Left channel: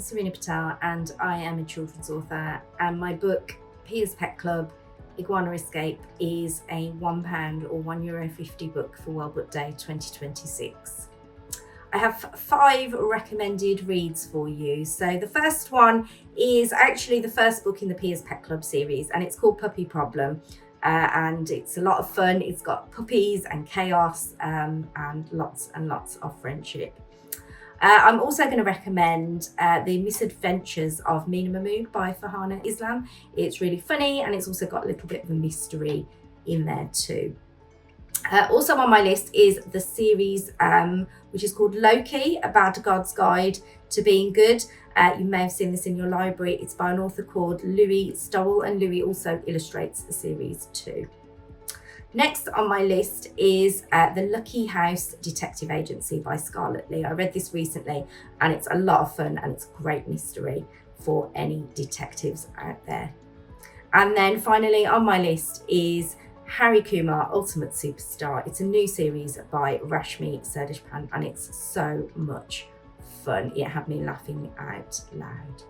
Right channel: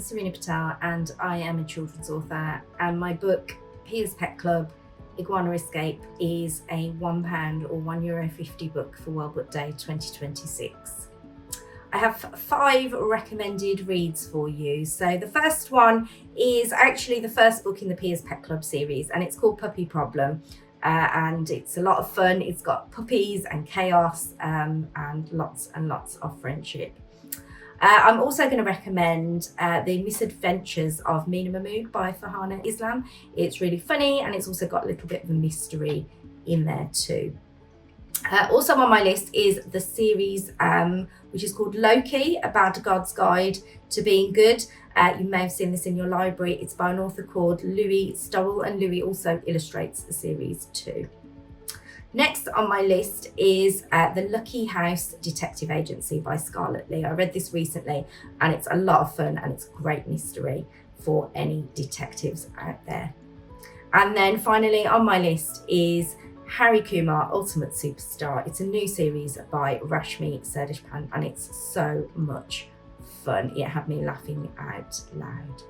I'm Serena Patel and I am a children's author, and my book Pia's Pet Club Iguana Escape is a £1 or €1.50 book for World Book Day 2026. I have 5 recommended reads for you. So the first one is actually the first book in the Pia's Pet Club series, and it's called Puppy Problem. And it's a lot of fun. It's got puppies and chaos and lots of friendship. I'm also going to recommend The Misadventures of Mina Mahmood by Farhana Islam. It's really funny, and it's also got a little bit of a mystery in there too. Also on my list is the series which is called Loki, A Bad God's Guide to Being Good. You may have seen this in your library. It's by an author called Louie Stowell, and Louie also illustrates the series too. Next on my list is The Lucky House Detective Agency by Scarlet Lee. I read this recently and it's a lot of fun, and it's a great mystery for any detectives out there. And then finally on my list is Harry Kumar, Ultimate Superstar. It's a new series by Rashmi Sirdeshpande, and it's so much fun. It had me laughing out loud.